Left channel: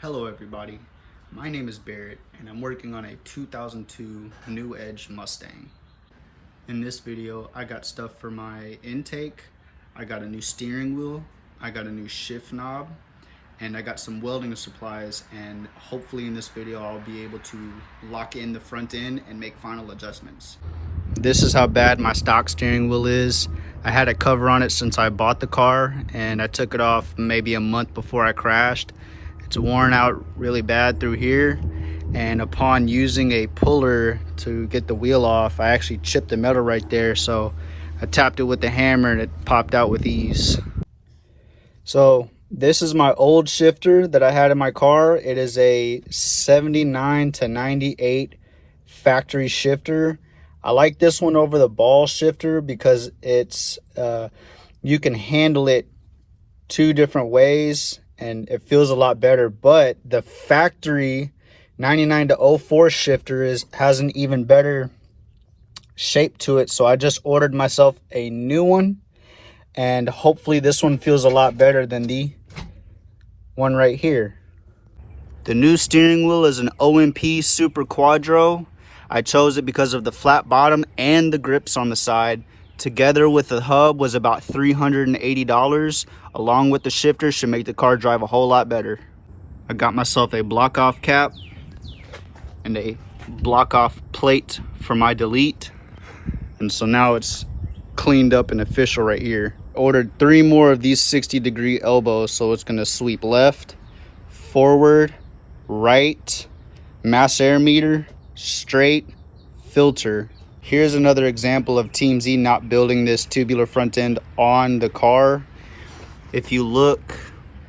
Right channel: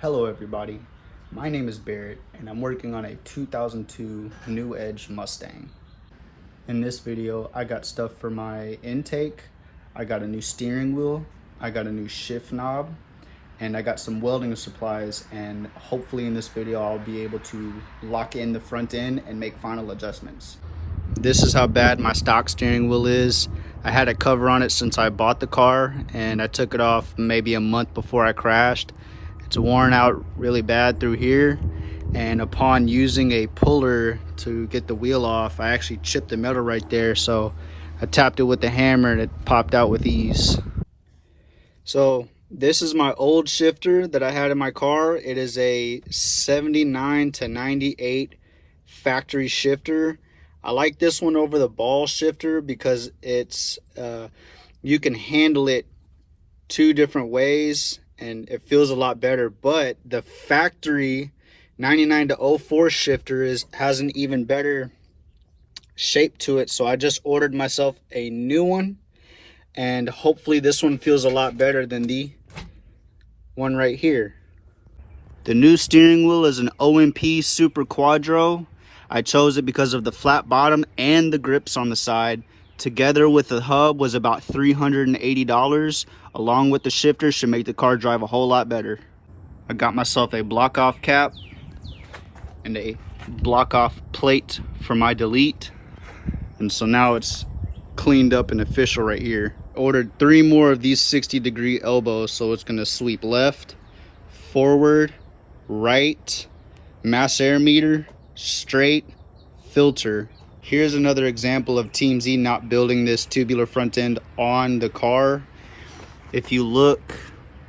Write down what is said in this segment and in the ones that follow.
Hello everybody, my name is Barrett and I'm working on a 2002 New Edge Mustang. In this video I got stuff for my intake, I got a new steering wheel, I got a new shift knob, and I got some welding supplies, and hopefully in this video I'll be able to lock in the front end and make final adjustments. This is how bad my stock steering wheel is. I had a cover on it since I bought the car and I took it off maybe a month before I crashed. It's worn out really bad through here, and upon using a puller to get the wheel off, I actually chipped the metal right there, so I tapped it with the hammer and it popped out with ease. So this is my old shifter that I had in my car. It is a 79 to 98 factory shifter. I like this one over the ball shifter because it's you can handle it two different ways and it feels a lot better. But the factory 99 to 04 shifter has an even better shape to it, so I just ordered myself a new one, and hopefully this one feels a lot better than the one right here. The new steering wheel is an OMP Super Quadro. I chose it because of the flat bottom and the grips on the side. Together with the hub was about $380. Along with the shifter, should make the car drive a whole lot better. I got myself a block off cap and a block off plate for my delete. And so now it's cleaned up and official right here. Ordered 3 more of these 60-degree elbows, so it's gonna sweep left, forward, right, mass air meter, straight, filter. Here's another example of Team Z not building this tubular front end on the car. If you look,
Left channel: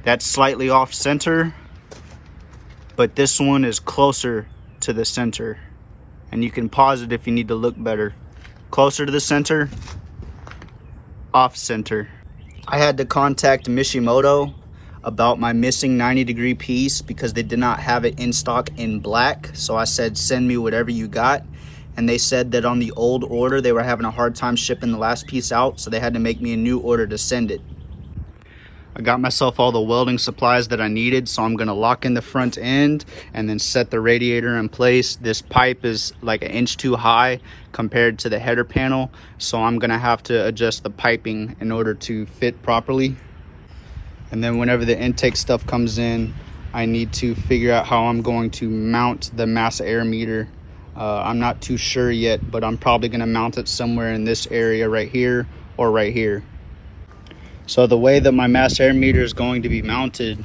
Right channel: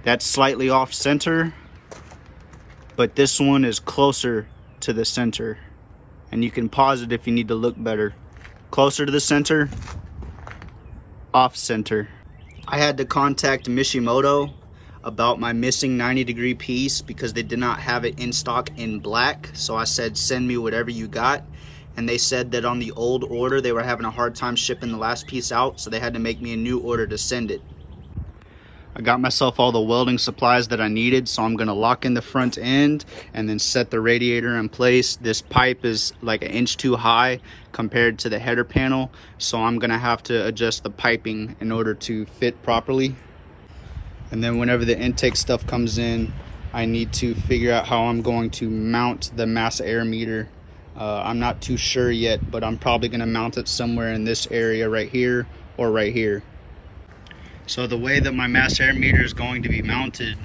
that's slightly off center, but this one is closer to the center. And you can pause it if you need to look better. Closer to the center, off center. I had to contact Mishimoto about my missing 90-degree piece because they did not have it in stock in black. So I said, send me whatever you got. And they said that on the old order, they were having a hard time shipping the last piece out, so they had to make me a new order to send it. I got myself all the welding supplies that I needed, so I'm gonna lock in the front end and then set the radiator in place. This pipe is like 1 inch too high compared to the header panel, so I'm gonna have to adjust the piping in order to fit properly. And then whenever the intake stuff comes in, I need to figure out how I'm going to mount the mass air meter. I'm not too sure yet, but I'm probably gonna mount it somewhere in this area right here or right here. So the way that my mass air meter is going to be mounted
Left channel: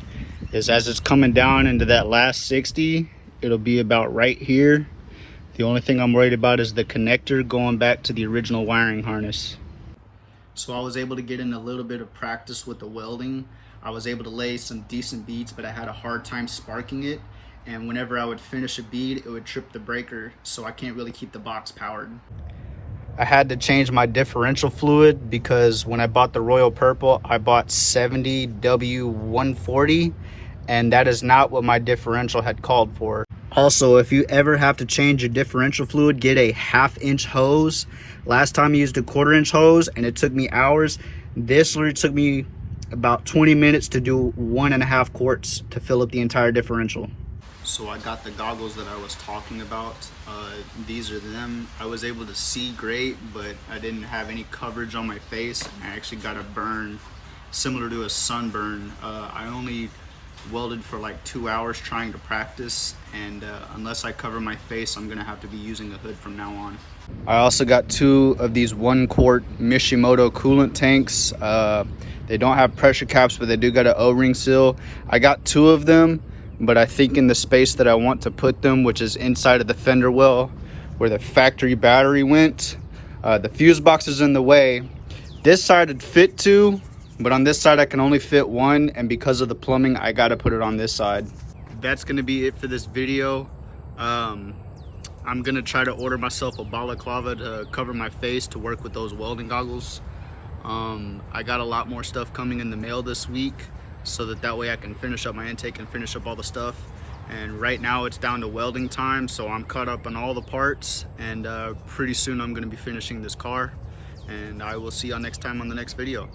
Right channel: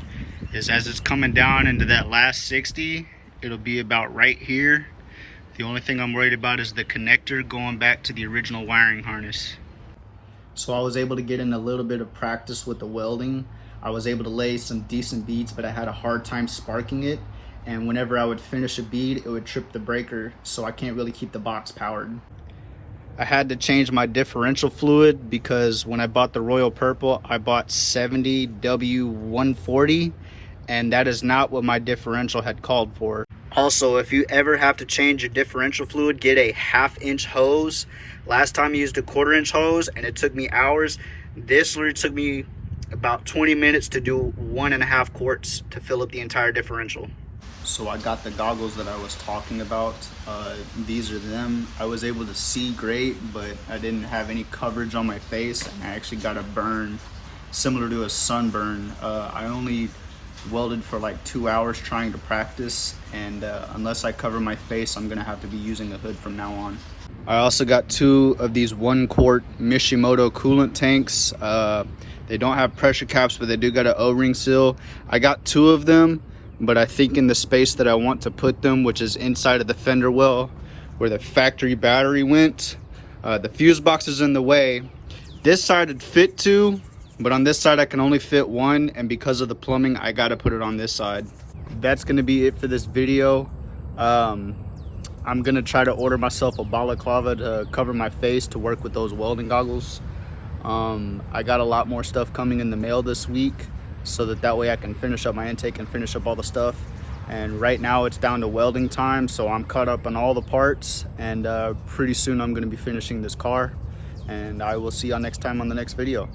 is as it's coming down into that last 60, it'll be about right here. The only thing I'm worried about is the connector going back to the original wiring harness. So I was able to get in a little bit of practice with the welding. I was able to lay some decent beads, but I had a hard time sparking it. And whenever I would finish a bead, it would trip the breaker, so I can't really keep the box powered. I had to change my differential fluid because when I bought the Royal Purple, I bought 70W140, and that is not what my differential had called for. Also, if you ever have to change your differential fluid, get a 1/2 inch hose. Last time I used a 1/4 inch hose and it took me hours. This literally took me about 20 minutes to do 1.5 quarts to fill up the entire differential. So I got the goggles that I was talking about. These are them. I was able to see great, but I didn't have any coverage on my face, and I actually got a burn similar to a sunburn. I only welded for like 2 hours trying to practice, and unless I cover my face, I'm gonna have to be using a hood from now on. I also got 2 of these 1 quart Mishimoto coolant tanks. They don't have pressure caps, but they do got an O-ring seal. I got 2 of them, but I think in the space that I want to put them, which is inside of the fender well where the factory battery went, the fuse box is in the way. This side would fit 2, but on this side I can only fit 1, and because of the plumbing I gotta put it on this side. That's gonna be it for this video. I'm gonna try to order myself a balaclava to cover my face to work with those welding goggles. I got a lot more stuff coming in the mail this week, so that way I can finish up my intake and finish up all the stuff. And right now it's down to welding time, so I'm caught up on all the parts, and pretty soon I'm going to be finishing this car, and I will see y'all next time on the next video.